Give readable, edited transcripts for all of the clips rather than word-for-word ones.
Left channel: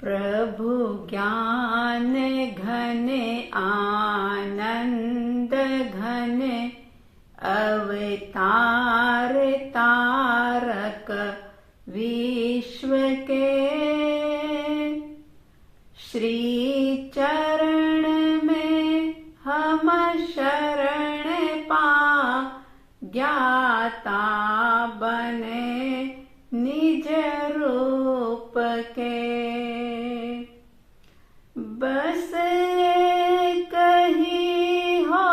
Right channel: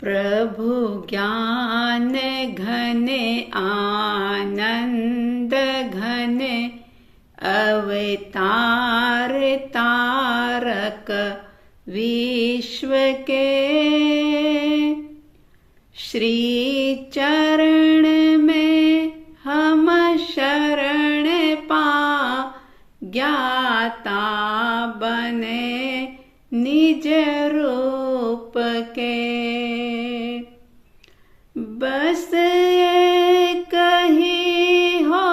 प्रभु ज्ञान घन आनंद घन अवतार तारक विश्व के, श्री चरण में हम शरण पा ज्ञाता बने निज रूप के। बस एक ही हो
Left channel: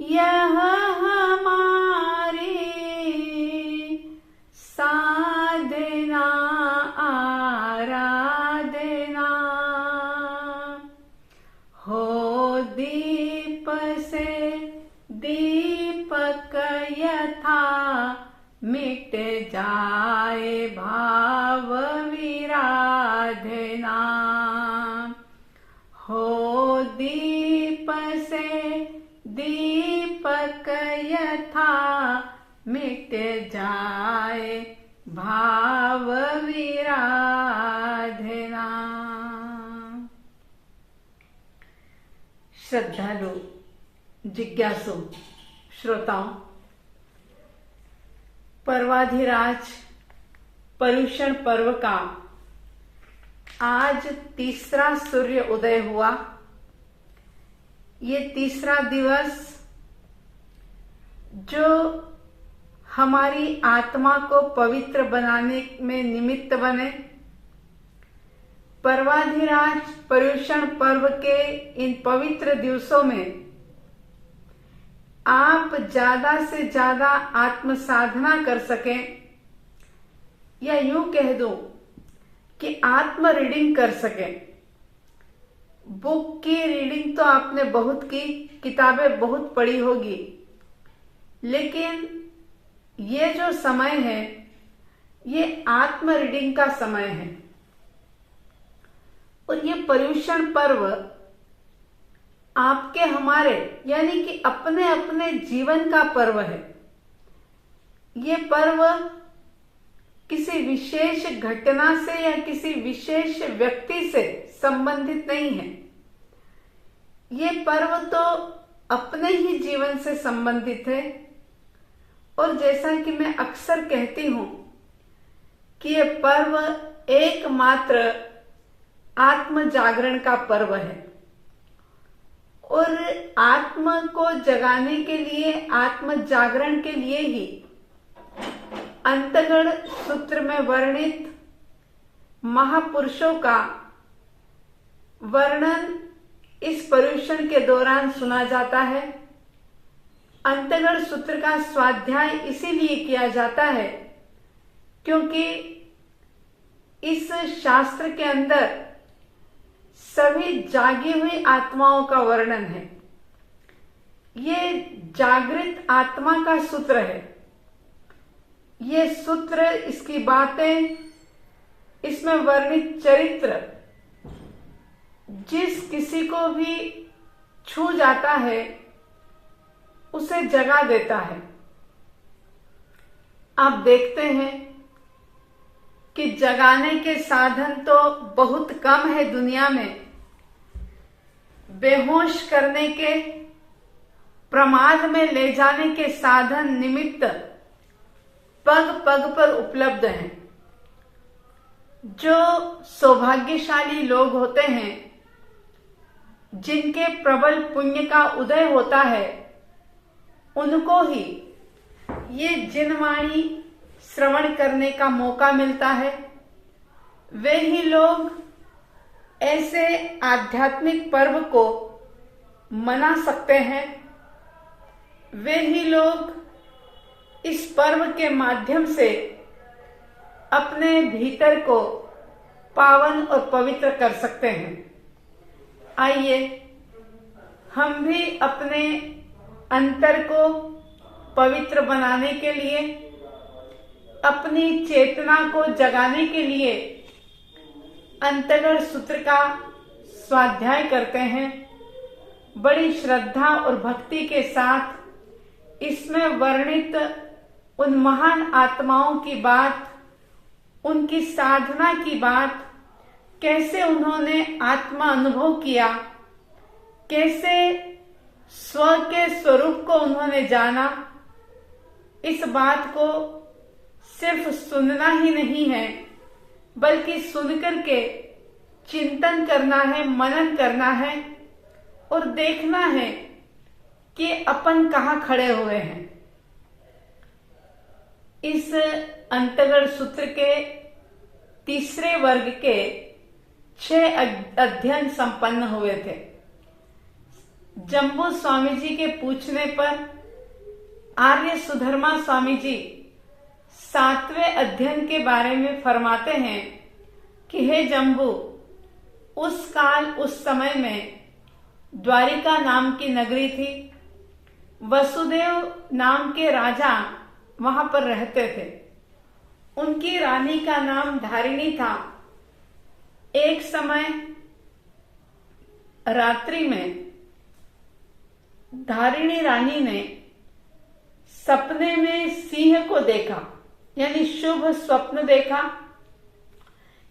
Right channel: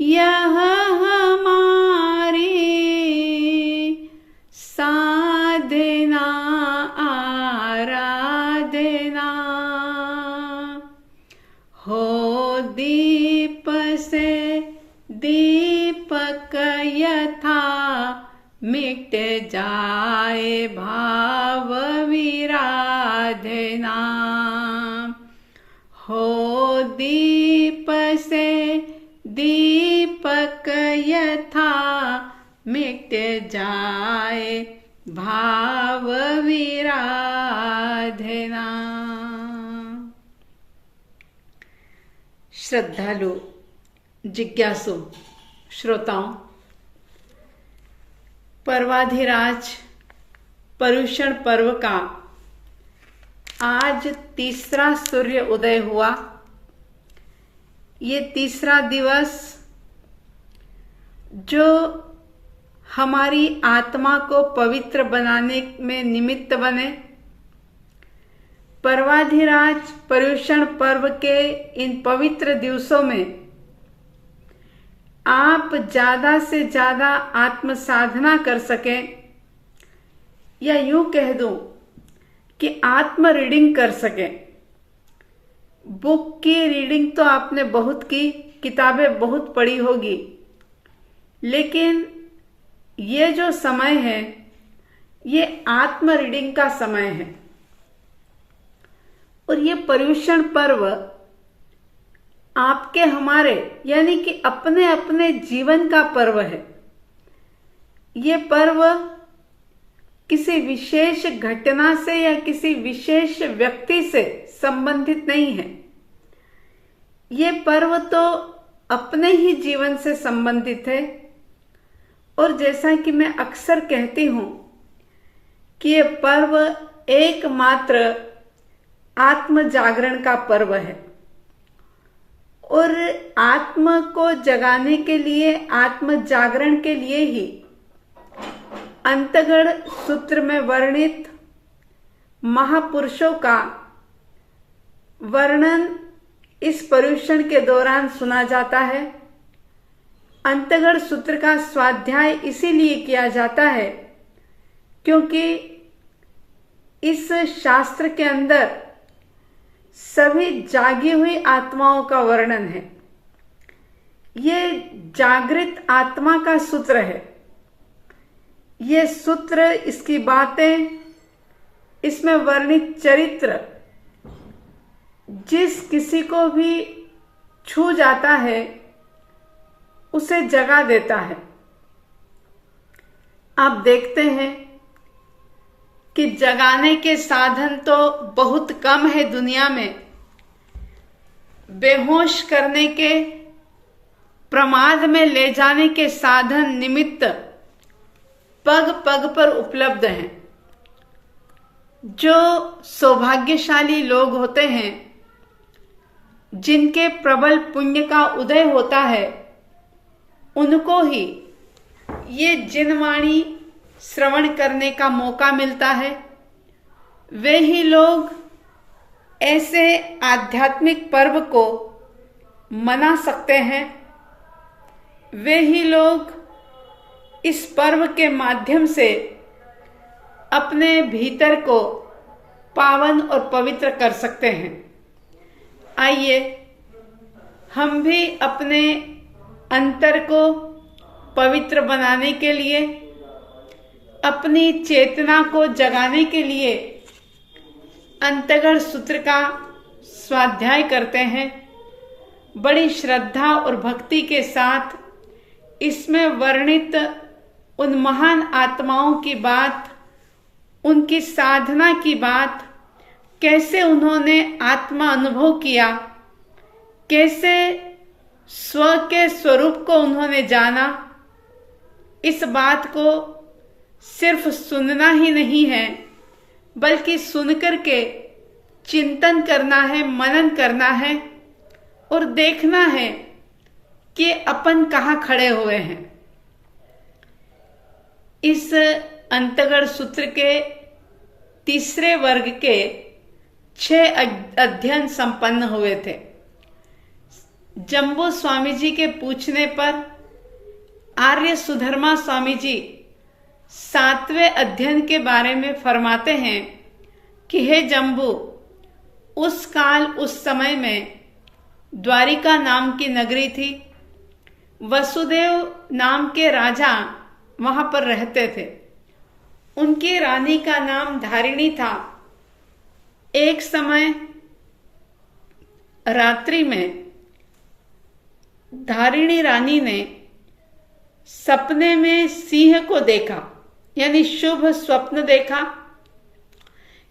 यह हमारी साधना आराधना, हो दीप से दीपक यथा मिट जाए भाव विराधना, हो दीप से दीपक यथा मिट जाए भाव विराधना। श्रद्धालु जिज्ञासु श्रोताओं, पर्वाधिराज पर्युषण पर्व का आज तीसरा सूर्य उदय हुआ। ये तीसरा दिवस जो हमारी आत्मा को पवित्र बनाने में निमित्त बने, पर्वाधिराज पर्युषण पर्व के इन पवित्र दिवसों में आप ज्यादा से ज्यादा आत्म साधना कर सकें, या यूं कह दूं कि आत्म रीडिंग कर सकें। बुक की रीडिंग तो आपने बहुत की, किताबें बहुत पढ़ी होगी, लेकिन ये जो समय है ये आत्म रीडिंग का समय है। और ये पर्युषण पर्व आपके हमारे यानी कि अपने अपने जीवन का पर्व है। ये पर्व किसी विशेष घटना से या किसी विशेष व्यक्ति से संबंधित नहीं है। ये पर्व तो अपने ही जीवन से संबंधित है। और जैसा कि मैं अक्सर कहती हूं कि ये पर्व एकमात्र आत्म जागरण का पर्व है। और आत्म को जगाने के लिए, आत्म जागरण के लिए ही अंतगढ़ सूत्र में वर्णित महापुरुषों का वर्णन इस पर्युषण के दौरान सुना जाता है। अंतगढ़ सूत्र का स्वाध्याय इसीलिए किया जाता है क्योंकि इस शास्त्र के अंदर सभी जागी हुई आत्माओं का वर्णन है। ये जागृत आत्मा का सूत्र है। ये सूत्र, इसकी बातें, इसमें वर्णित चरित्र जिस किसी को भी छू जाता है उसे जगा देता है। आप देखते हैं कि जगाने के साधन तो बहुत कम है दुनिया में। बेहोश करने के, प्रमाद में ले जाने के साधन निमित्त पग पग पर उपलब्ध हैं। जो सौभाग्यशाली लोग होते हैं, जिनके प्रबल पुण्य का उदय होता है, उनको ही ये जिनवाणी श्रवण करने का मौका मिलता है। वे ही लोग ऐसे आध्यात्मिक पर्व को मना सकते हैं। वे ही लोग इस पर्व के माध्यम से अपने भीतर को पावन और पवित्र कर सकते हैं। आइए हम भी अपने अंतर को पवित्र बनाने के लिए, अपनी चेतना को जगाने के लिए अंतगढ़ सूत्र का स्वाध्याय करते हैं। बड़ी श्रद्धा और भक्ति के साथ इसमें वर्णित उन महान आत्माओं की बात, उनकी साधना की बात कैसे उन्होंने आत्मा अनुभव किया, कैसे स्व के स्वरूप को उन्होंने जाना, इस बात को सिर्फ सुनना ही नहीं है, बल्कि सुनकर के चिंतन करना है, मनन करना है और देखना है कि अपन कहाँ खड़े हुए हैं। इस अंतगढ़ सूत्र के तीसरे वर्ग के 6 अध्ययन संपन्न हुए थे। जम्बू स्वामी जी के पूछने पर आर्य सुधर्मा स्वामी जी 7वें अध्ययन के बारे में फरमाते हैं कि हे जम्बू, उस काल उस समय में द्वारिका नाम की नगरी थी। वसुदेव नाम के राजा वहां पर रहते थे। उनकी रानी का नाम धारिणी था। एक समय रात्रि में धारिणी रानी ने सपने में सिंह को देखा, यानी शुभ स्वप्न देखा,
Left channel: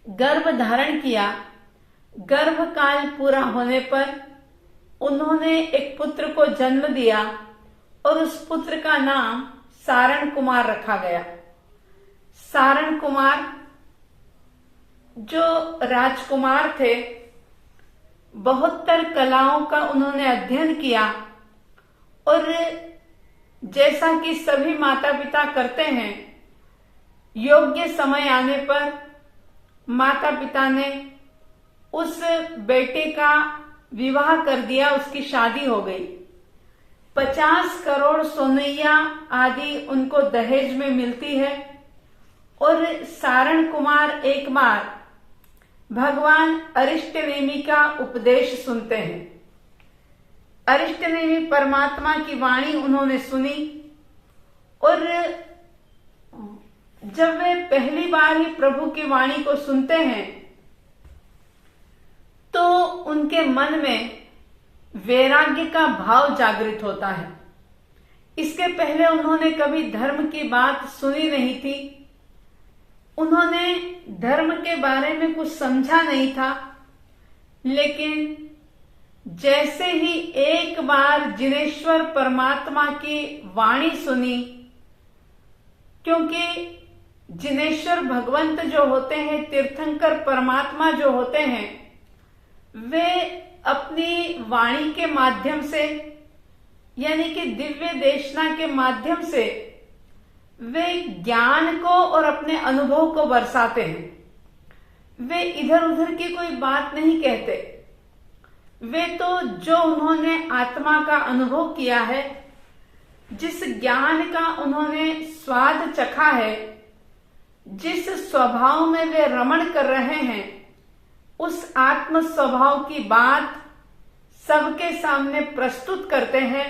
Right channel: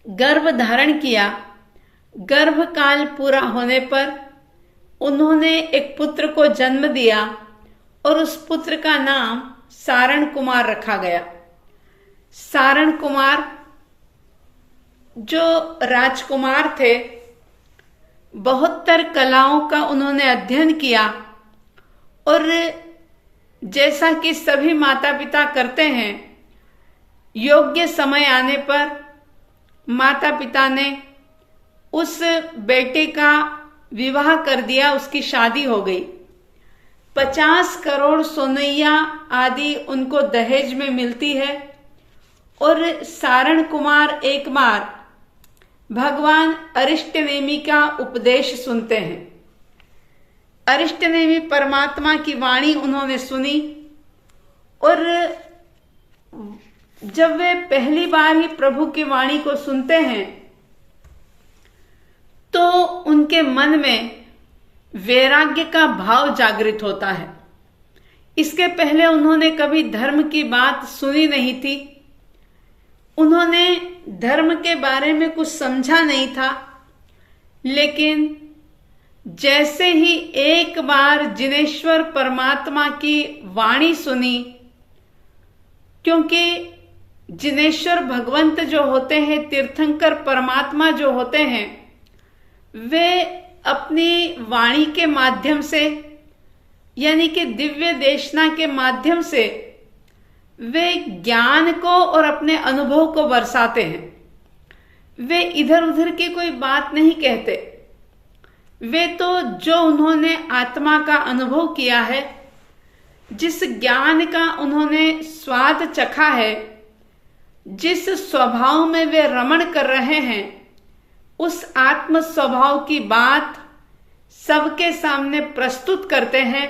गर्भ धारण किया। गर्भ काल पूरा होने पर उन्होंने एक पुत्र को जन्म दिया और उस पुत्र का नाम सारण कुमार रखा गया। सारण कुमार जो राजकुमार थे, 72 कलाओं का उन्होंने अध्ययन किया और जैसा कि सभी माता पिता करते हैं, योग्य समय आने पर माता पिता ने उस बेटे का विवाह कर दिया, उसकी शादी हो गई। 50 करोड़ सोनैया आदि उनको दहेज में मिलती है और सारण कुमार एक बार भगवान अरिष्टनेमि का उपदेश सुनते हैं। अरिष्टनेमि परमात्मा की वाणी उन्होंने सुनी और जब वे पहली बार ही प्रभु की वाणी को सुनते हैं तो उनके मन में वैराग्य का भाव जागृत होता है। इसके पहले उन्होंने कभी धर्म की बात सुनी नहीं थी, उन्होंने धर्म के बारे में कुछ समझा नहीं था। लेकिन जैसे ही एक बार जिनेश्वर परमात्मा की वाणी सुनी, क्योंकि जिनेश्वर भगवंत जो होते हैं, तीर्थंकर परमात्मा जो होते हैं, वे अपनी वाणी के माध्यम से, यानी कि दिव्य देशना के माध्यम से वे ज्ञान को और अपने अनुभव को बरसाते हैं। वे इधर उधर की कोई बात नहीं कहते। वे तो जो उन्होंने आत्मा का अनुभव किया है, जिस ज्ञान का उन्होंने स्वाद चखा है, जिस स्वभाव में वे रमण कर रहे हैं, उस आत्म स्वभाव की बात सबके सामने प्रस्तुत करते हैं।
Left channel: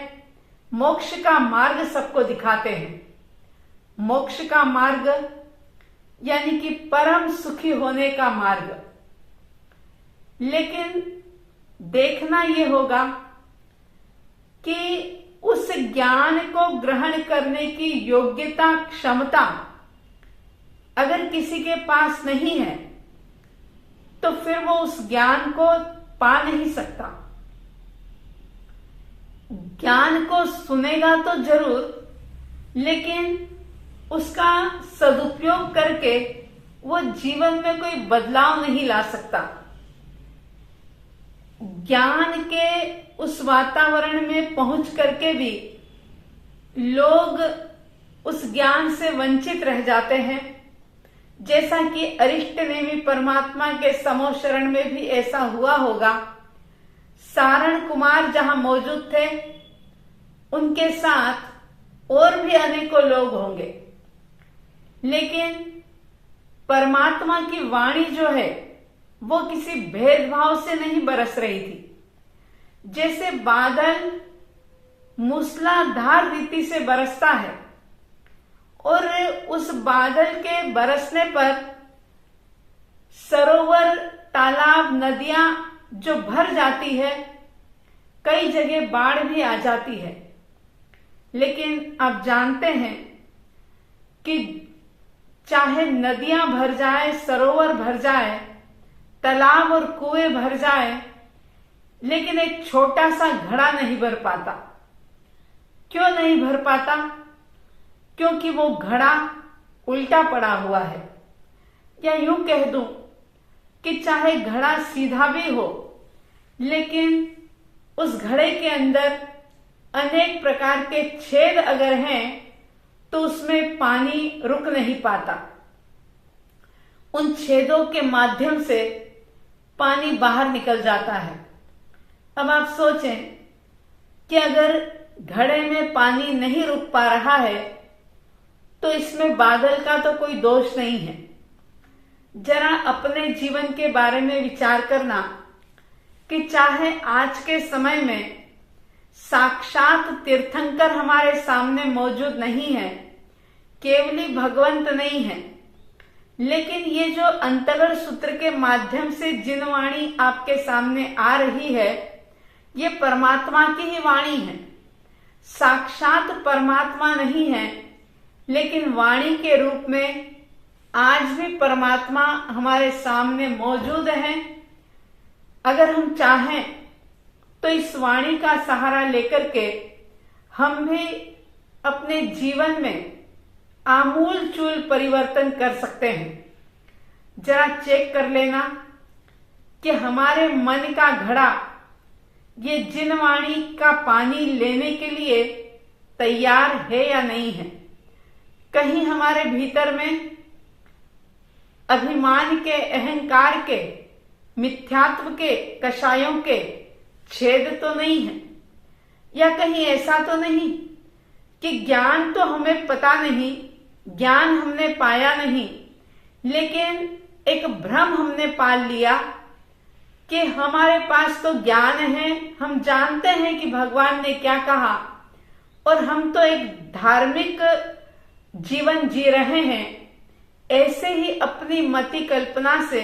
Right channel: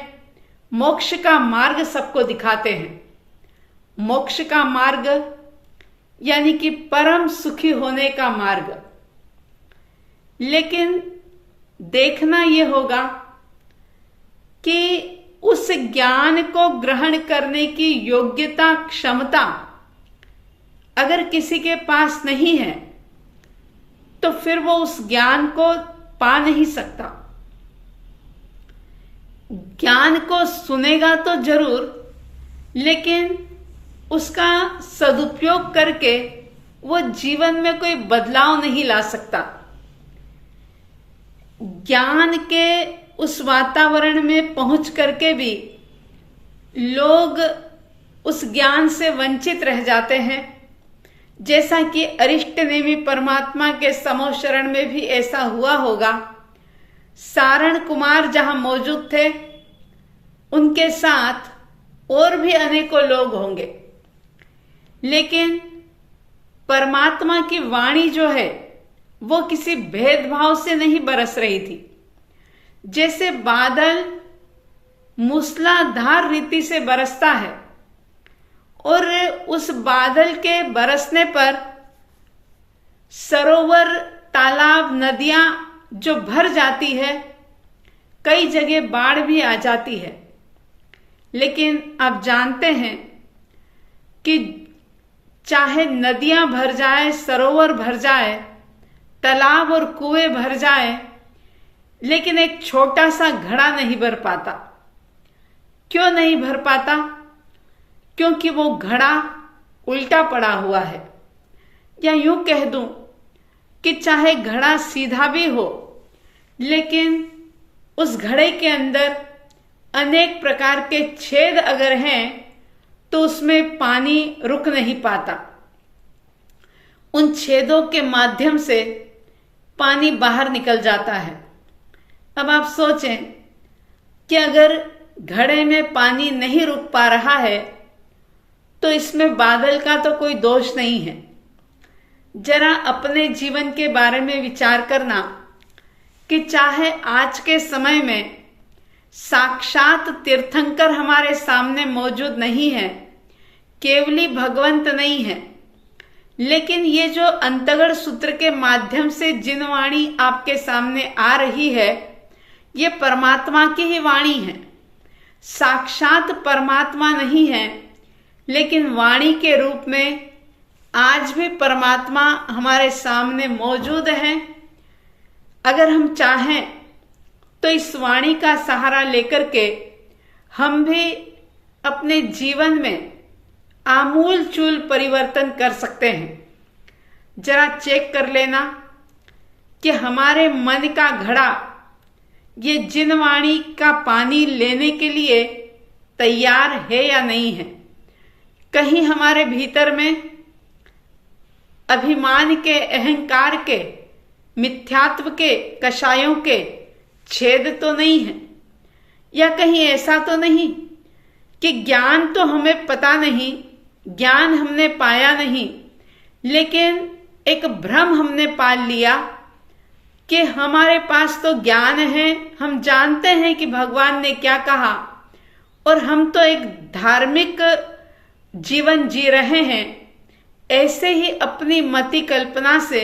मोक्ष का मार्ग सबको दिखाते हैं। मोक्ष का मार्ग यानी कि परम सुखी होने का मार्ग। लेकिन देखना यह होगा कि उस ज्ञान को ग्रहण करने की योग्यता, क्षमता अगर किसी के पास नहीं है तो फिर वो उस ज्ञान को पा नहीं सकता। ज्ञान को सुनेगा तो जरूर, लेकिन उसका सदुपयोग करके वो जीवन में कोई बदलाव नहीं ला सकता। ज्ञान के उस वातावरण में पहुंच करके भी लोग उस ज्ञान से वंचित रह जाते हैं। जैसा कि अरिष्टनेमि परमात्मा के समो शरण में भी ऐसा हुआ होगा। सारण कुमार जहां मौजूद थे, उनके साथ और भी अनेकों लोग होंगे, लेकिन परमात्मा की वाणी जो है वो किसी भेदभाव से नहीं बरस रही थी। जैसे बादल मूसलाधार रीति से बरसता है और उस बादल के बरसने पर सरोवर, तालाब, नदियां जो भर जाती है, कई जगह बाढ़ भी आ जाती है। लेकिन आप जानते हैं कि चाहे नदियां भर जाए, सरोवर भर जाए, तालाब और कुएं भर जाए, लेकिन एक छोटा सा घड़ा नहीं भर पाता। क्यों नहीं भर पाता? क्योंकि वो घड़ा उल्टा पड़ा हुआ है। या यूं कह दूं कि चाहे घड़ा सीधा भी हो, लेकिन उस घड़े के अंदर अनेक प्रकार के छेद अगर हैं तो उसमें पानी रुक नहीं पाता। उन छेदों के माध्यम से पानी बाहर निकल जाता है। अब आप सोचें कि अगर घड़े में पानी नहीं रुक पा रहा है तो इसमें बादल का तो कोई दोष नहीं है। जरा अपने जीवन के बारे में विचार करना कि चाहे आज के समय में साक्षात तीर्थंकर हमारे सामने मौजूद नहीं है, केवली भगवंत नहीं है, लेकिन ये जो अंतगढ़ सूत्र के माध्यम से जिन वाणी आपके सामने आ रही है, ये परमात्मा की ही वाणी है। साक्षात परमात्मा नहीं है, लेकिन वाणी के रूप में आज भी परमात्मा हमारे सामने मौजूद है। अगर हम चाहें तो इस वाणी का सहारा लेकर के हम भी अपने जीवन में आमूल चूल परिवर्तन कर सकते हैं। जरा चेक कर लेना कि हमारे मन का घड़ा ये जिन वाणी का पानी लेने के लिए तैयार है या नहीं है। कहीं हमारे भीतर में अभिमान के, अहंकार के, मिथ्यात्व के, कषायों के छेद तो नहीं है। या कहीं ऐसा तो नहीं कि ज्ञान तो हमें पता नहीं, ज्ञान हमने पाया नहीं, लेकिन एक भ्रम हमने पाल लिया कि हमारे पास तो ज्ञान है, हम जानते हैं कि भगवान ने क्या कहा और हम तो एक धार्मिक जीवन जी रहे हैं। ऐसे ही अपनी मति कल्पना से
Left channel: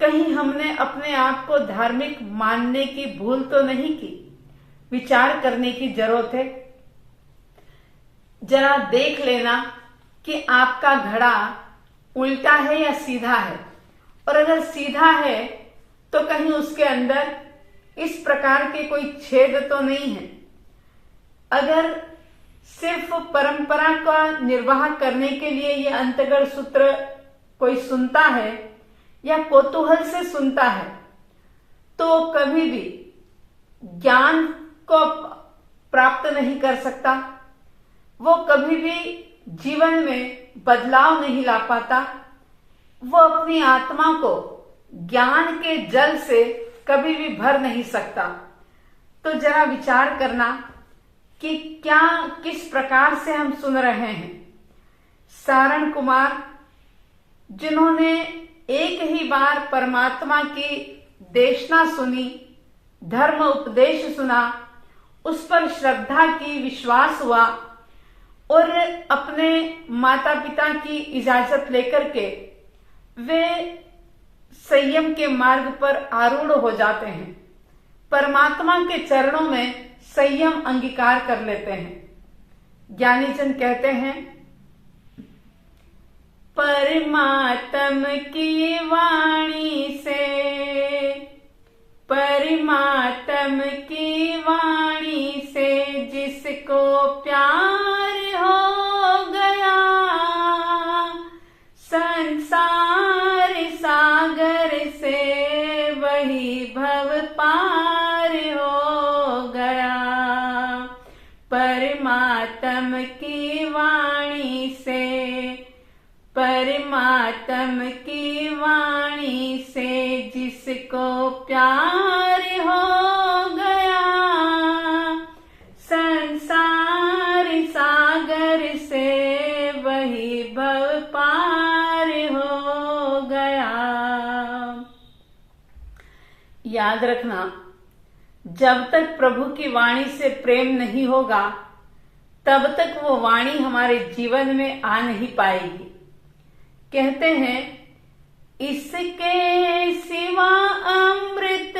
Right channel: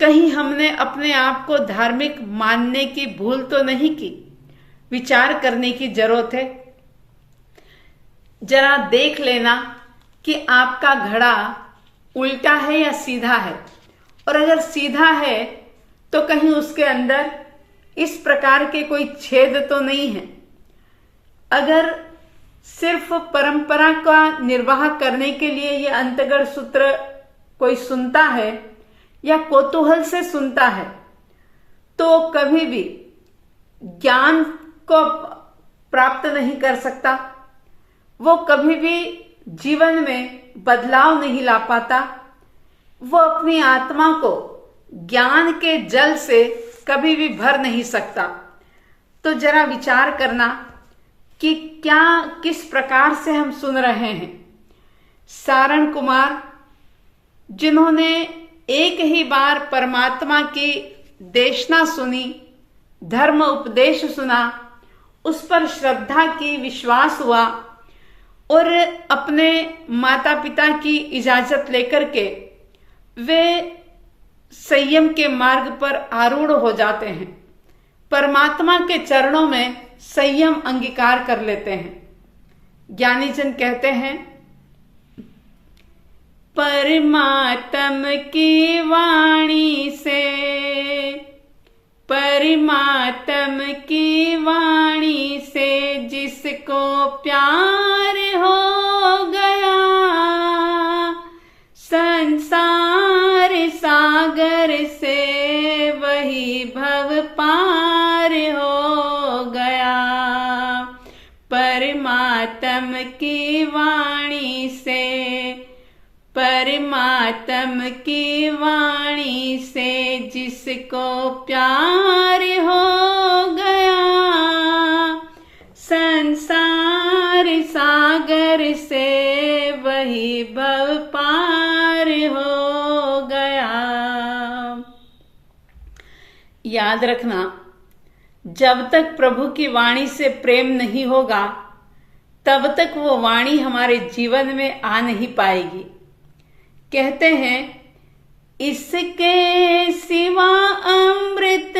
कहीं हमने अपने आप को धार्मिक मानने की भूल तो नहीं की। विचार करने की जरूरत है। जरा देख लेना कि आपका घड़ा उल्टा है या सीधा है, और अगर सीधा है तो कहीं उसके अंदर इस प्रकार के कोई छेद तो नहीं है। अगर सिर्फ परंपरा का निर्वाह करने के लिए ये अंतगढ़ सूत्र कोई सुनता है या कौतूहल से सुनता है, तो कभी भी ज्ञान को प्राप्त नहीं कर सकता। वो कभी भी जीवन में बदलाव नहीं ला पाता। वो अपनी आत्मा को ज्ञान के जल से कभी भी भर नहीं सकता। तो जरा विचार करना कि क्या, किस प्रकार से हम सुन रहे हैं। सारण कुमार, जिन्होंने एक ही बार परमात्मा की देशना सुनी, धर्म उपदेश सुना, उस पर श्रद्धा की, विश्वास हुआ और अपने माता पिता की इजाजत लेकर के वे संयम के मार्ग पर आरूढ़ हो जाते हैं। परमात्मा के चरणों में संयम अंगीकार कर लेते हैं। ज्ञानीजन कहते हैं, परमात्म की वाणी से, परमात्म की वाणी से जिसको प्यार हो गया, संसार सागर से वही भव पार हो गया। परमात्म की वाणी से, परमात्म की वाणी से जिसको प्यार हो गया, संसार सागर से वही भव पार हो गया। याद रखना, जब तक प्रभु की वाणी से प्रेम नहीं होगा, तब तक वो वाणी हमारे जीवन में आ नहीं पाएगी। कहते हैं, इसके सिवा अमृत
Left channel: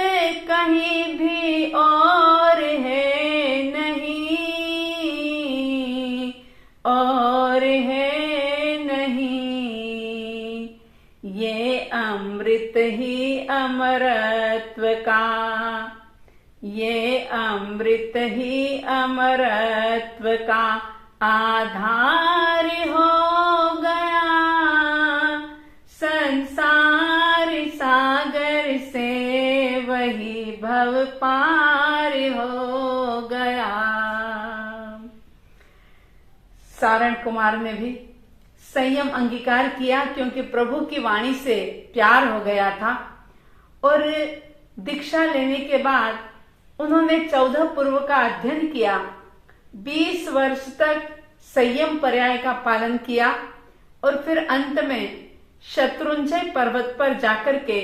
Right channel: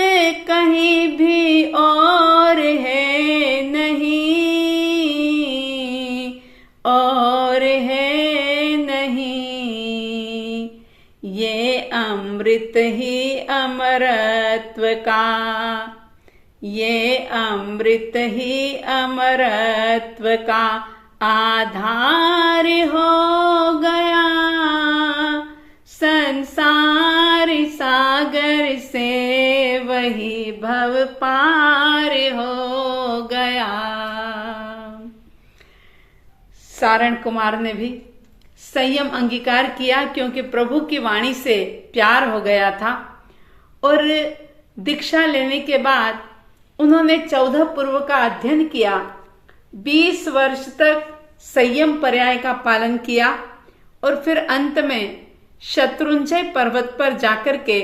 कहीं भी और है नहीं, और है नहीं, ये अमृत ही अमरत्व का, ये अमृत ही अमरत्व का आधार हो गया, संसार सागर से वही भव पार हो गया। सारण कुमार ने भी संयम अंगीकार किया, क्योंकि प्रभु की वाणी से प्यार हो गया था। और दीक्षा लेने के बाद उन्होंने 14 पूर्व का अध्ययन किया, 20 वर्ष तक संयम पर्याय का पालन किया और फिर अंत में शत्रुंजय पर्वत पर जाकर के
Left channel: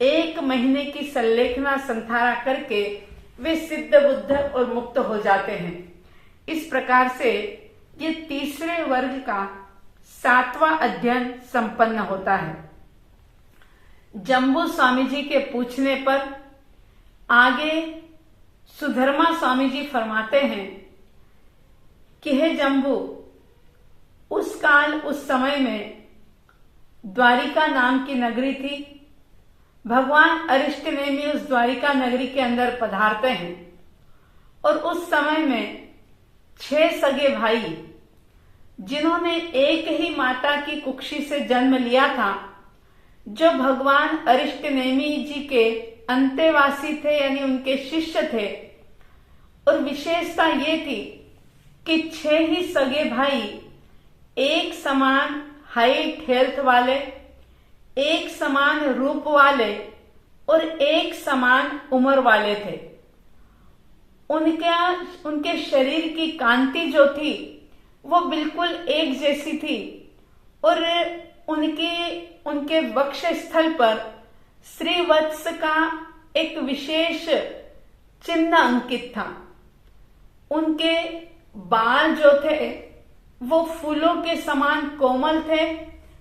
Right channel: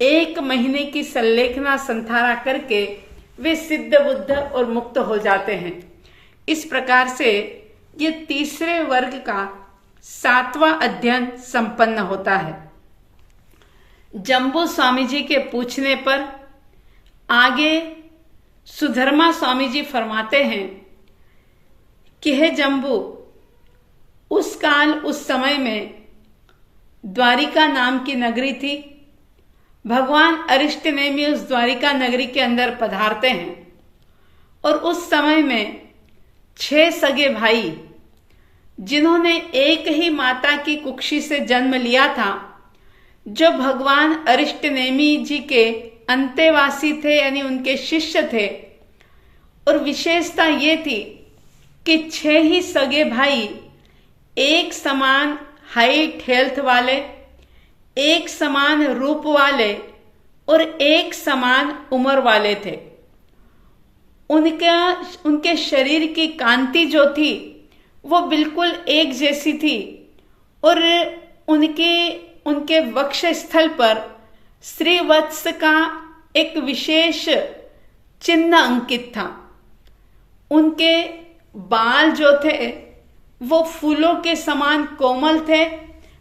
1 महीने की संलेखना संधारा करके वे सिद्ध बुद्ध और मुक्त हो जाते हैं। इस प्रकार से ये तीसरे वर्ग का 7वां अध्ययन संपन्न होता है। जम्बू स्वामी जी के पूछने पर आगे सुधर्मा स्वामी जी फरमाते हैं कि हे जम्बू, उस काल उस समय में द्वारिका नाम की नगरी थी। भगवान अरिष्टनेमी उस द्वारिका नगरी के अंदर पधारते हैं और उस समय में 6 सगे भाई, जिन्होंने एक ही माता की कुक्षी से जन्म लिया था, जो भगवान अरिष्टनेमी जी के अंतेवासी थे, यानी उनके शिष्य थे। और विशेषता ये थी कि 6 ही सगे भाई एक समान हाइट हेल्थ वाले, एक समान रूप वाले और एक समान उम्र वाले थे। उनके शरीर की कांति जो थी वो बिल्कुल एक जैसी थी और उनके वक्ष स्थल पर श्रीवत्स का एक विशेष चिन्ह अंकित था। उनके बाल जो थे वो फूलों के समान कोमल थे,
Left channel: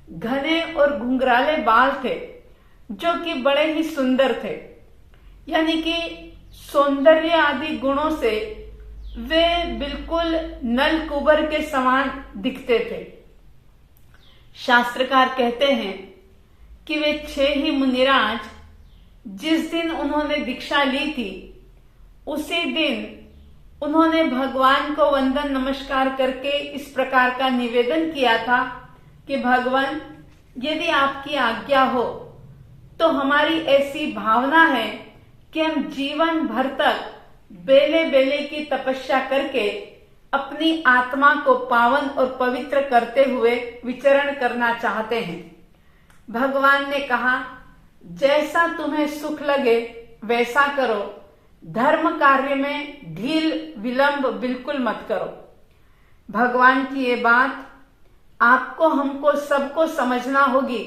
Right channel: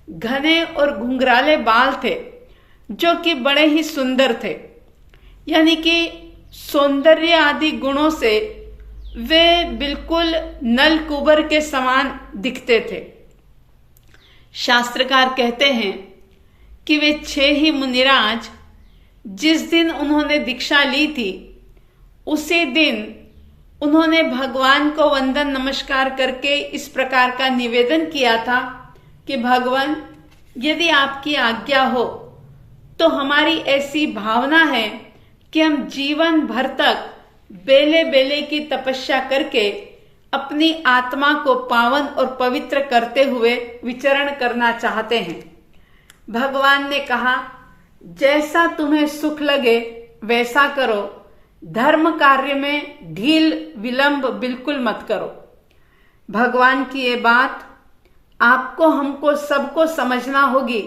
घने और घुंघराले बाल थे, जो कि बड़े ही सुंदर थे। यानी कि सौंदर्य आदि गुणों से वे बिल्कुल नल कुबर के समान दिखते थे। शास्त्रकार कहते हैं कि वे 6 ही मुनिराज जिस दिन उन्होंने दीक्षा ली थी, उसी दिन उन्होंने भगवान को वंदन नमस्कार करके इस प्रकार का निवेदन किया था कि भगवान, यदि आपकी आज्ञा हो तो हमारी ऐसी भावना है कि हम जीवन भर तक बेले बेले की तपस्या करके अपनी आत्मा को पावन और पवित्र करते हुए विचरण करना चाहते हैं। भगवान ने कहा, जैसा तुम्हें सुख लगे वैसा करो, धर्म कार्य में ढील विलंब बिल्कुल मत करो। भगवान की ये बात आपको हमको सबको समझना होगी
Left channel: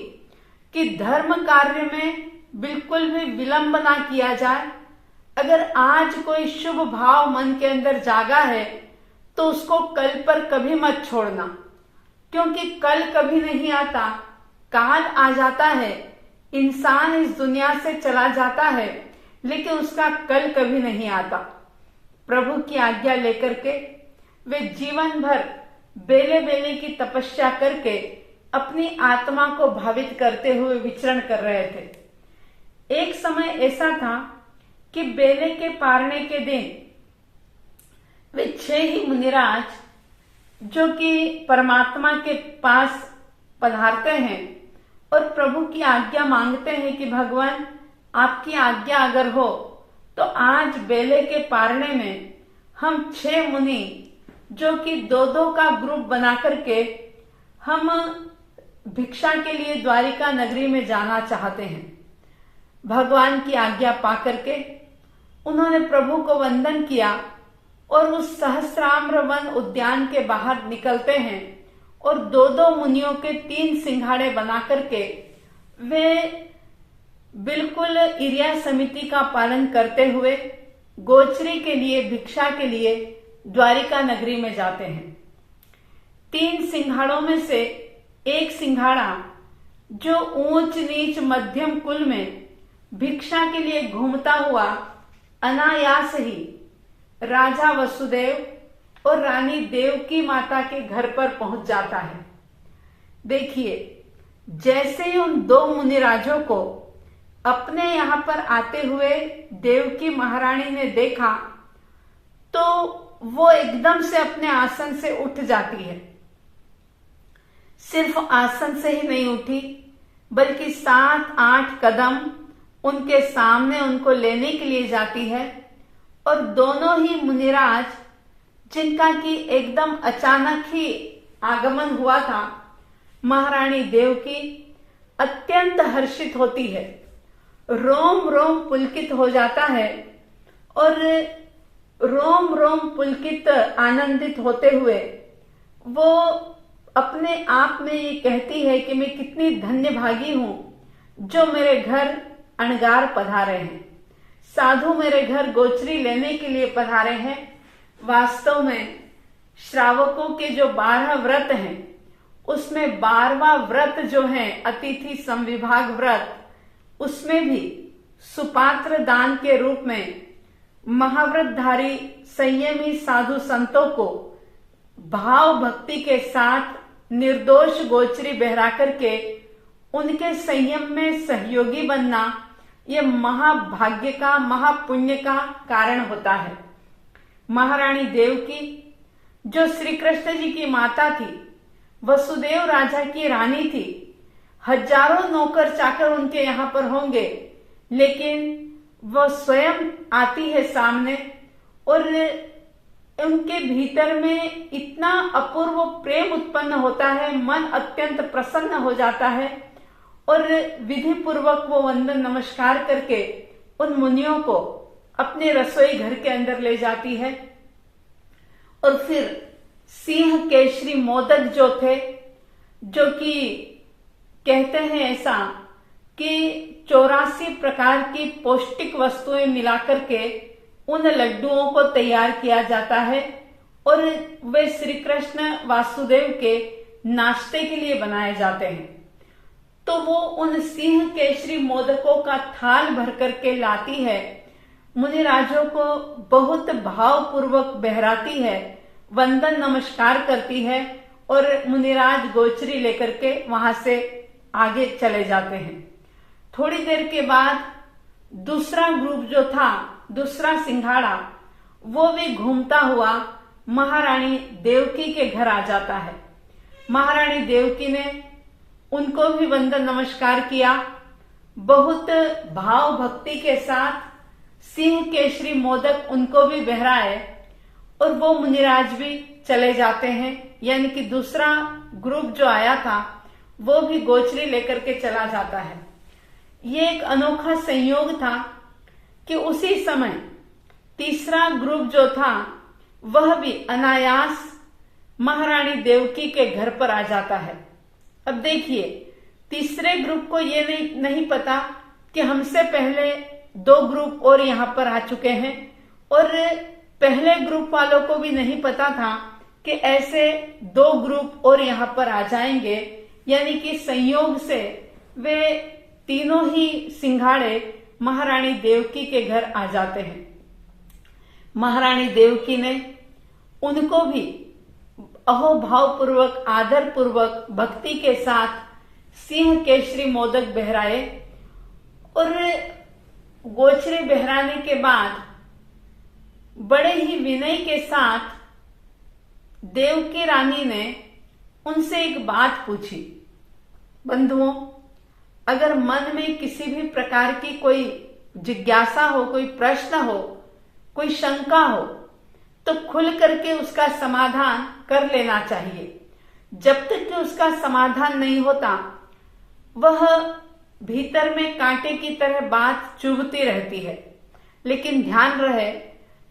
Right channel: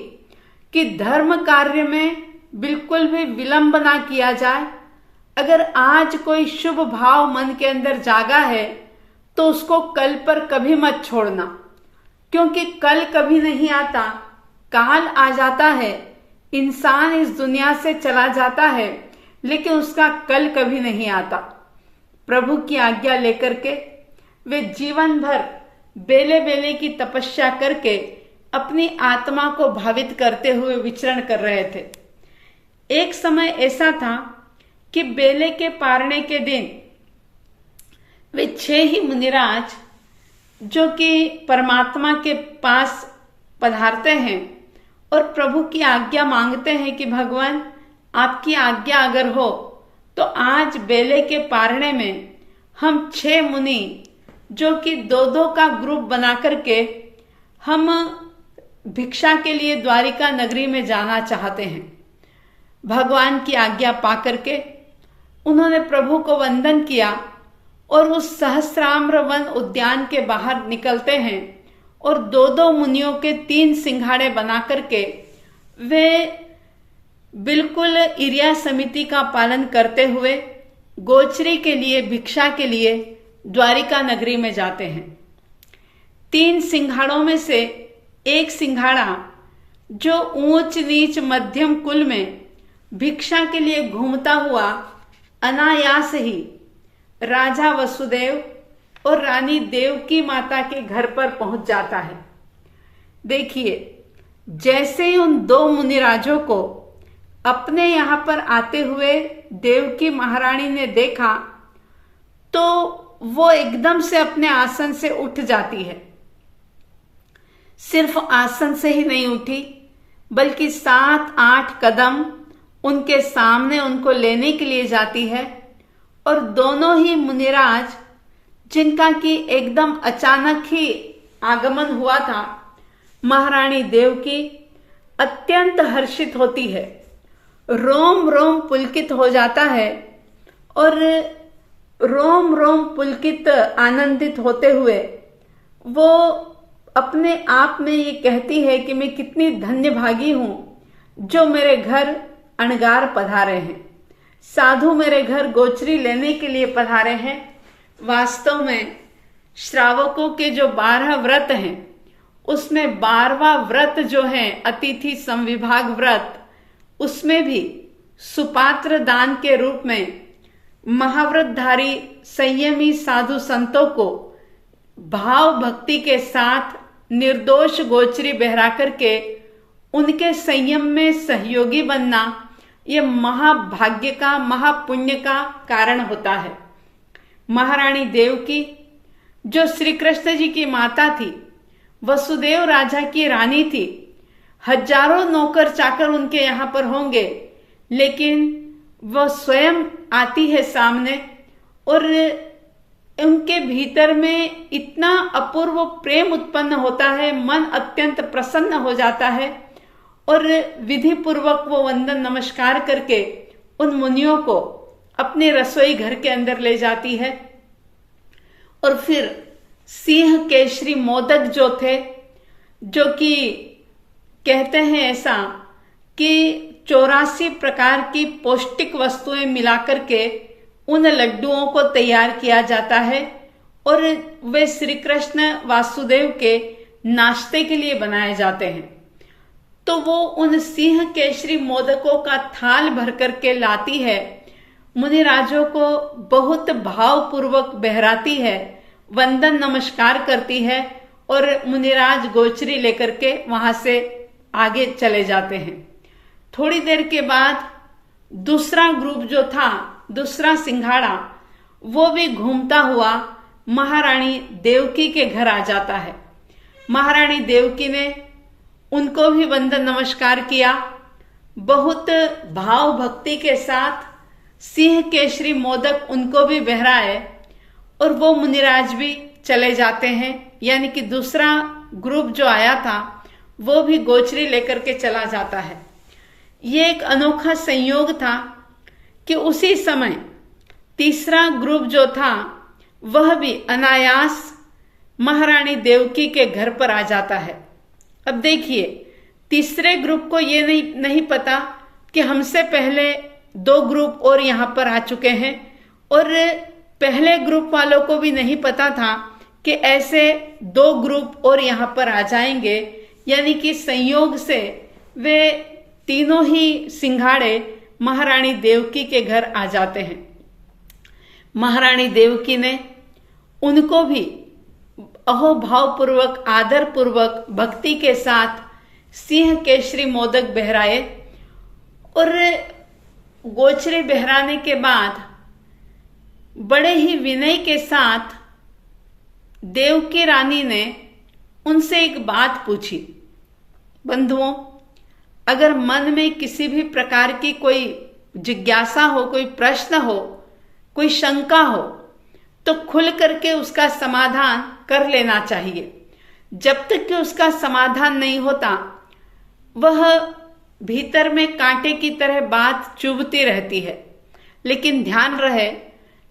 कि धर्म कार्य में बिल्कुल भी विलंब ना किया जाए। अगर आज कोई शुभ भाव मन के अंदर जागा है तो उसको कल पर कभी मत छोड़ना, क्योंकि कल कभी नहीं आता, काल आ जाता है। इंसान इस दुनिया से चला जाता है लेकिन उसका कल कभी नहीं आता। प्रभु की आज्ञा लेकर के वे जीवन भर बेले बेले की तपस्या करके अपनी आत्मा को भावित करते हुए विचरण कर रहे थे। एक समय ऐसा था कि बेले के पारने के दिन वे 6 ही मुनिराज, जो कि परमात्मा के पास पधारते हैं और प्रभु की आज्ञा मांगते हैं कि भगवान, आपकी आज्ञा अगर हो तो आज बेले के पारने में हम 6 मुनि, जो कि 2-2 का ग्रुप बना करके हम भिक्षा के लिए द्वारिका नगरी में जाना चाहते हैं। भगवान की आज्ञा पाकर के उन्होंने प्रभु को वंदन किया और उस सहस्राम्र वन उद्यान के बाहर निकलते हैं और 2-2 मुनियों के 3 सिंघाड़े बना करके वे बिल्कुल इरिया समिति का पालन करते हुए गोचरी के लिए, भिक्षा के लिए द्वारिका नगरी में जाते हैं। 3 सिंघाड़ों में से एक सिंघाड़ा, जो ऊंच नीच मध्यम कुल में भिक्षा के लिए घूमता हुआ अनायास ही राजा वसुदेव और रानी देवकी माता के घर पर पहुंच जाता है। देखिए, जैसे ही उन दो मुनिराजों को अपने यहां पर आते हुए देवकी महारानी ने देखा तो वो एकदम से अपने आसन से उठ जाती है। सिर्फ आसन से ही नहीं उठी, बल्कि 7-8 कदम उनके सामने उनको लेने के लिए जाती है। और दोनों ही मुनिराज, जिनका कि एकदम अचानक ही आगमन हुआ था, महारानी देवकी अत्यंत हर्षित होती है, रोम रोम पुलकित हो जाता है और रोम रोम पुलकित आनंदित होते हुए वो अपने आप में ये कहती है कि मैं कितनी धन्य भागी हूं जो मेरे घर अणगार पधारे हैं, साधु मेरे घर गोचरी लेने के लिए पधारे हैं। वास्तव में श्रावकों के जो 12 व्रत हैं उसमें 12वां व्रत जो है अतिथि संविभाग व्रत, उसमें भी सुपात्र दान के रूप में महाव्रतधारी संयमी साधु संतों को भाव भक्ति के साथ निर्दोष गोचरी बहरा करके उनके संयम में सहयोगी बनना, यह महाभाग्य का महापुण्य का कारण होता है। महारानी देवकी जो श्री कृष्ण जी की माता थी, वसुदेव राजा की रानी थी, हजारों नौकर चाकर उनके यहाँ पर होंगे, लेकिन वह स्वयं आती है सामने और उनके भीतर में इतना अपूर्व प्रेम उत्पन्न होता है, मन अत्यंत प्रसन्न हो जाता है और विधि पूर्वक वो वंदन नमस्कार करके उन मुनियों को अपने रसोई घर के अंदर ले जाती है। और फिर सिंह केशरी मोदक जो थे, जो कि कहते हैं ऐसा कि 84 प्रकार की पौष्टिक वस्तुएं मिलाकर के उन लड्डुओं को तैयार किया जाता है और वे श्री कृष्ण वासुदेव के नाश्ते के लिए बनाए जाते हैं। तो वो उन सिंह केशरी मोदकों का थाल भर करके लाती है, मुनिराजों को बहुत भावपूर्वक बहराती है, वंदन नमस्कार करती है और मुनिराज गोचरी लेकर के वहां से आगे चले जाते हैं। थोड़ी देर के बाद दूसरा ग्रुप जो था, दूसरा सिंघाड़ा, वो भी घूमता हुआ महारानी देवकी के घर आ जाता है। महारानी देवकी ने उनको भी वंदन नमस्कार किया, बहुत भाव भक्ति के साथ सिंह केशरी मोदक उनको भी बहराए और वो मुनिराज भी चले जाते हैं। यानी कि दूसरा ग्रुप जो आया था वो भी गोचरी लेकर के चला जाता है। ये एक अनोखा संयोग था कि उसी समय तीसरा ग्रुप जो था वह भी अनायास महारानी देवकी के घर पर आ जाता है। अब देखिए, तीसरे ग्रुप को ये नहीं पता कि हमसे पहले 2 ग्रुप और यहां पर आ चुके हैं और पहले ग्रुप वालों को भी नहीं पता था कि ऐसे 2 ग्रुप और यहां पर आ जाएंगे। यानी कि संयोग से वे तीनों ही सिंघाड़े महारानी देवकी के घर आ जाते हैं। महारानी देवकी ने उनको भी अहोभावपूर्वक आदर पूर्वक भक्ति के साथ सिंह केशरी मोदक बहराए और गोचरे बहराने के बाद बड़े ही विनय के साथ देवकी रानी ने उनसे एक बात पूछी। बंधुओं, अगर मन में किसी भी प्रकार की कोई जिज्ञासा हो, कोई प्रश्न हो, कोई शंका हो, तो खुल करके उसका समाधान कर लेना चाहिए। जब तक कि उसका समाधान नहीं होता, वह भीतर में कांटे की तरह बात चुभती रहती है। लेकिन ध्यान रहे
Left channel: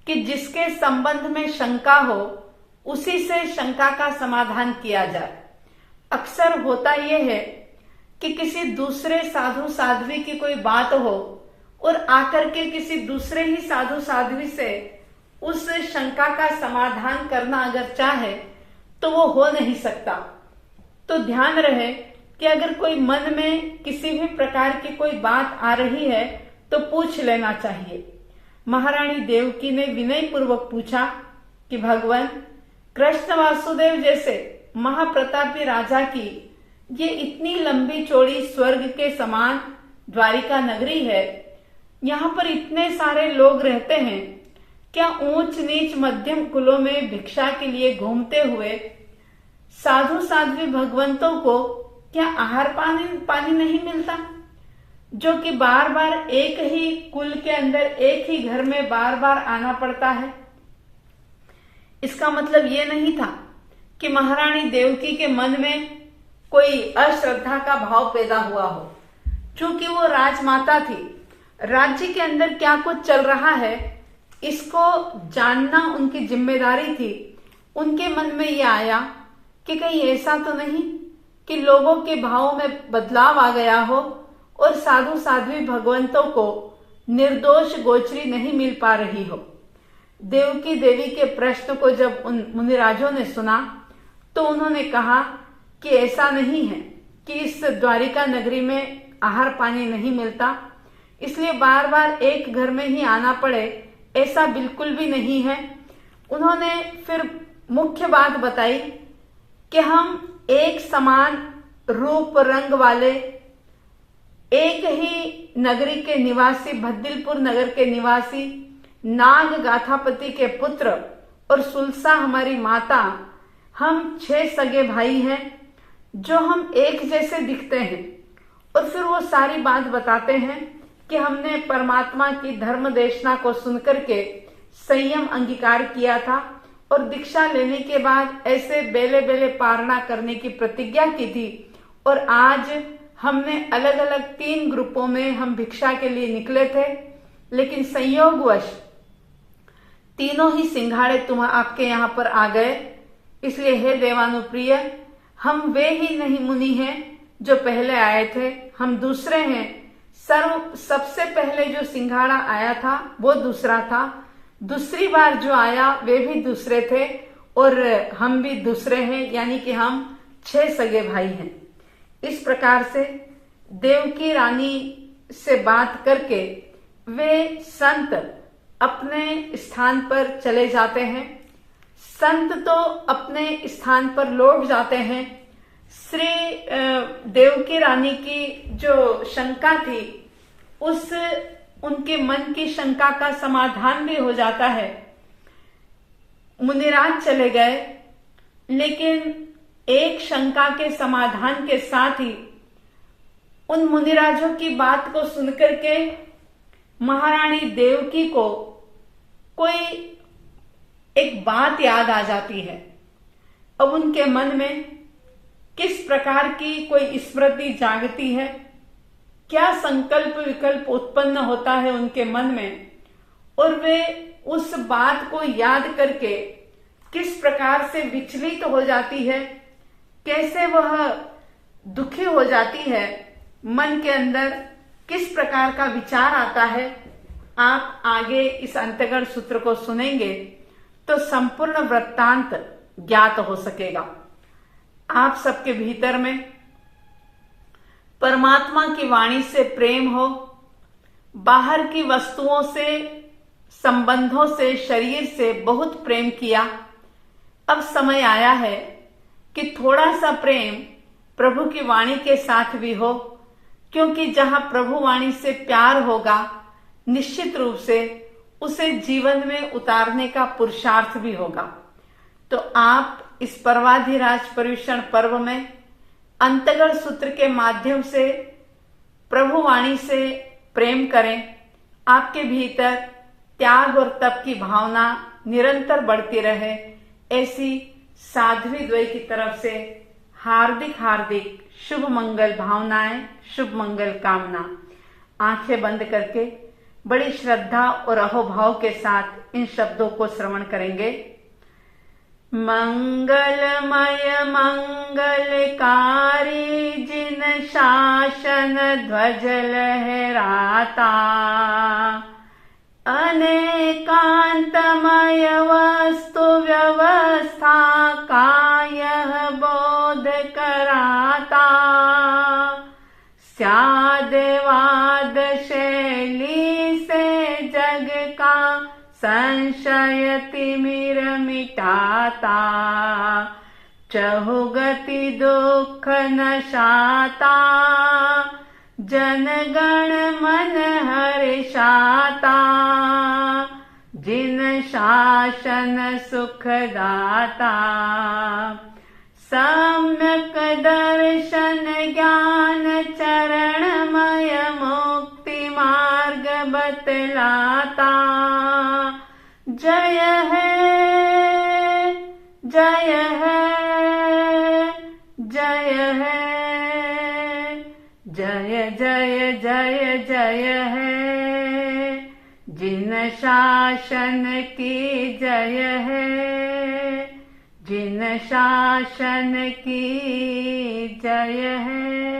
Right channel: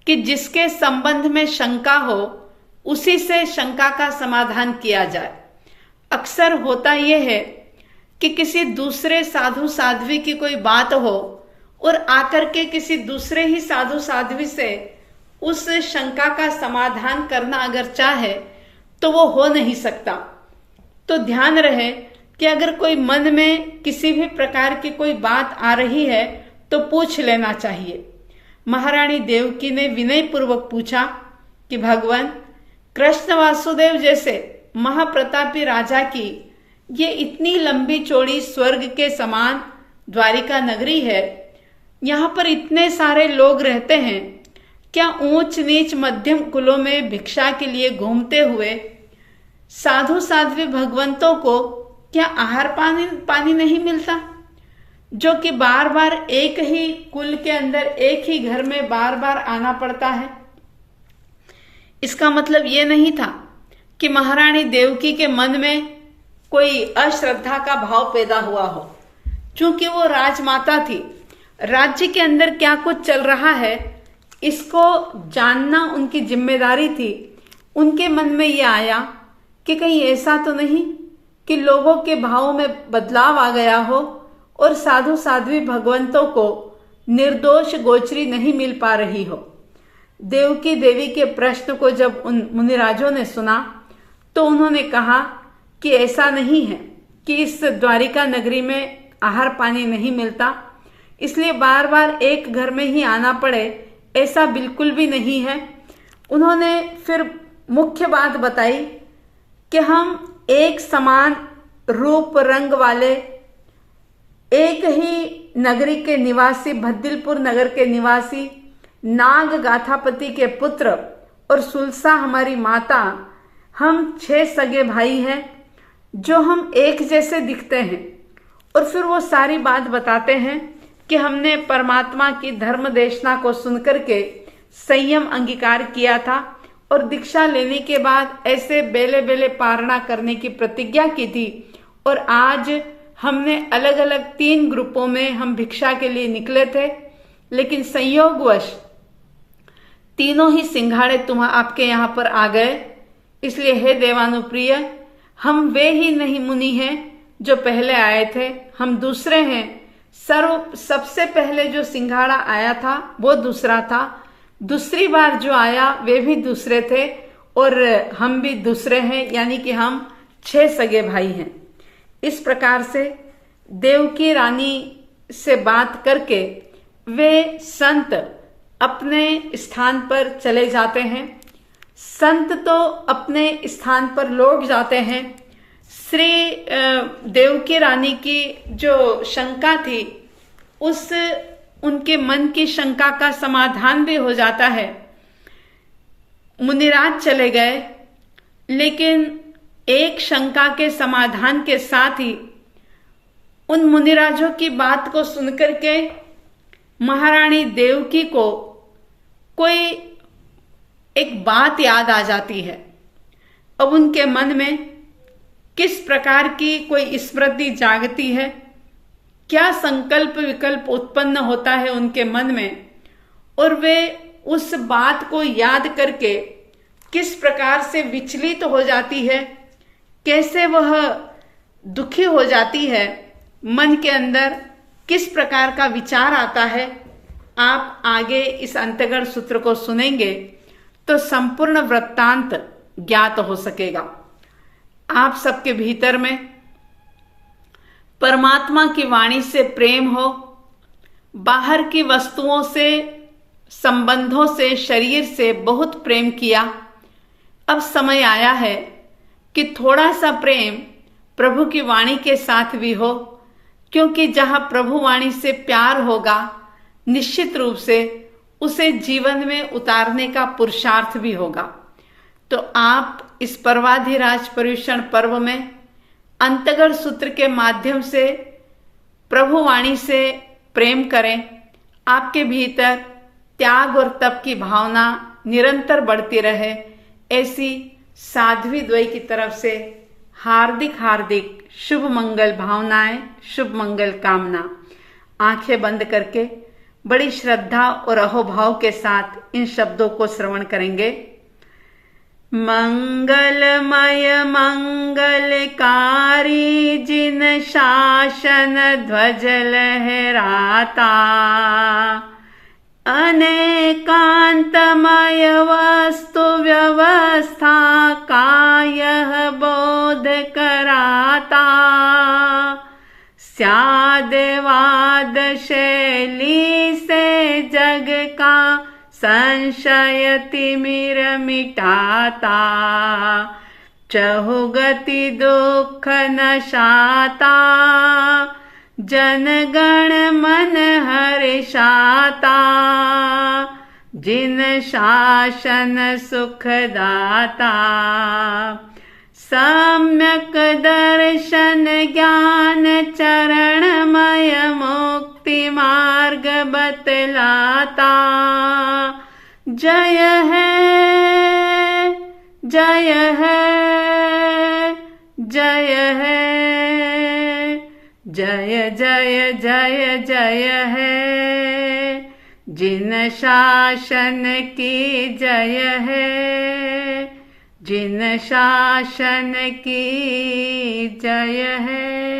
कि जिसके संबंध में शंका हो उसी से शंका का समाधान किया जाए। अक्सर होता यह है कि किसी दूसरे साधु साध्वी की कोई बात हो और आकर के किसी दूसरे ही साधु साध्वी से उस शंका का समाधान करना अगर चाहे तो वो हो नहीं सकता। तो ध्यान रहे कि अगर कोई मन में किसी भी प्रकार की कोई बात आ रही है तो पूछ लेना चाहिए। महारानी देवकी ने विनय पूर्वक पूछा कि भगवान, कृष्ण वासुदेव जैसे महाप्रतापी राजा की ये इतनी लंबी चौड़ी स्वर्ग के समान द्वारिका नगरी है, यहाँ पर इतने सारे लोग रहते हैं, क्या ऊंच नीच मध्यम कुलों में भिक्षा के लिए घूमते हुए साधु साध्वी भगवंतों को क्या आहार पानी नहीं मिलता, जो कि बार बार एक ही कुल के अंदर एक ही घर में बार बार आना पड़ता है। इसका मतलब ये नहीं था कि महारानी देवकी के मन में कोई अश्रद्धा का भाव पैदा हुआ हो। चूंकि वो राजमाता थी, राज्य के अंदर क्या कुछ चल रहा है इसको जानना उनकी जिम्मेदारी थी। उनके मन में ये आया कि कहीं ऐसा तो नहीं कि लोगों के भाव में बदलाव आ गया हो और साधु साध्वी भगवंतों को निर्दोष गोचरी नहीं मिल पा रही हो। देवकी देवी के प्रश्न को जब उन मुनिराजों ने सुना तो उन्होंने कहा कि ऐसा नहीं है कि इस द्वारिका नगरी में आहार पानी नहीं मिलता, इसलिए बार बार एक घर में ही आना पड़े, ऐसा बिल्कुल भी नहीं है। उन्होंने फिर मुख्य बात बताई कि हम एक समान रूप रंग वाले एक ही नगरी के निवासी, भद्दिलपुर नगर के निवासी, नाग गाथापति के पुत्र और सुलसा हमारी माता, हम 6 सगे भाई हैं जो हम एक जैसे दिखते हैं। और फिर वो सारी बात बताते हैं कि हमने परमात्मा की धर्म देशना को सुनकर के संयम अंगीकार किया था और दीक्षा लेने के बाद ऐसे बेले बेले पारणा करने की प्रतिज्ञा की थी। और आज हमने अलग अलग 3 ग्रुपों में हम भिक्षा के लिए निकले थे, लेकिन संयोगवश तीनों ही सिंघाड़े आपके यहाँ पर आ गए। इसलिए हे देवानुप्रिय, हम वे ही नहीं मुनि हैं जो पहले आए थे, हम दूसरे हैं। सबसे पहले जो सिंघाड़ा आया था वो दूसरा था, दूसरी बार जो आया वे भी दूसरे थे और हम भी दूसरे हैं, यानी कि हम 6 सगे भाई हैं। इस प्रकार से देवकी रानी से बात करके वे संत अपने स्थान पर चले जाते हैं। संत तो अपने स्थान पर लौट जाते हैं। श्री देवकी रानी की जो शंका थी उनके मन की शंका का समाधान भी हो जाता है। मुनिराज चले गए, लेकिन एक शंका के समाधान के साथ ही उन मुनिराजों की बात को सुनकर के महारानी देवकी को कोई एक बात याद आ जाती है। अब उनके मन में किस प्रकार की कोई स्मृति जागती है, क्या संकल्प विकल्प उत्पन्न होता है उनके मन में, और वे उस बात को याद करके किस प्रकार से विचलित हो जाती है, कैसे वह दुखी हो जाती है, मन के अंदर किस प्रकार का विचार आता है। आप आगे इस अंतगढ़ सूत्र को सुनेंगे तो संपूर्ण वृत्तांत ज्ञात हो सकेगा। आप सबके भीतर में परमात्मा की वाणी से प्रेम हो, बाहर की वस्तुओं से, संबंधों से, शरीर से बहुत प्रेम किया। अब समय आया है कि थोड़ा सा प्रेम प्रभु की वाणी के साथ भी हो, क्योंकि जहां प्रभु वाणी से प्यार होगा निश्चित रूप से उसे जीवन में उतारने का पुरुषार्थ भी होगा। तो आप इस पर्वाधिराज पर्युषण पर्व में अंतगढ़ सूत्र के माध्यम से प्रभु वाणी से प्रेम करें। आपके भीतर त्याग और तप की भावना निरंतर बढ़ती रहे, ऐसी साध्वी द्वय की तरफ से हार्दिक हार्दिक शुभ मंगल भावनाएं, शुभ मंगल कामना। आंखें बंद करके बड़ी श्रद्धा और अहोभाव के साथ इन शब्दों को श्रवण करेंगे। मंगलमय मंगलकारी जिन शासन ध्वज लहराता, अनेकांतमय वस्तु व्यवस्था का यह बोध कराता, स्यादवाद शैली से जग का संशय तिमिर मिटाता, चहुगति दुख नशाता, जनगण मन हर्षाता, जिन शासन सुखदाता, सम्यक दर्शन ज्ञान चरणमय मुक्ति मार्ग बतलाता। जय है जय है जय है, जय जय जय जय है, जिन शासन की जय है, जिन शासन की जय है।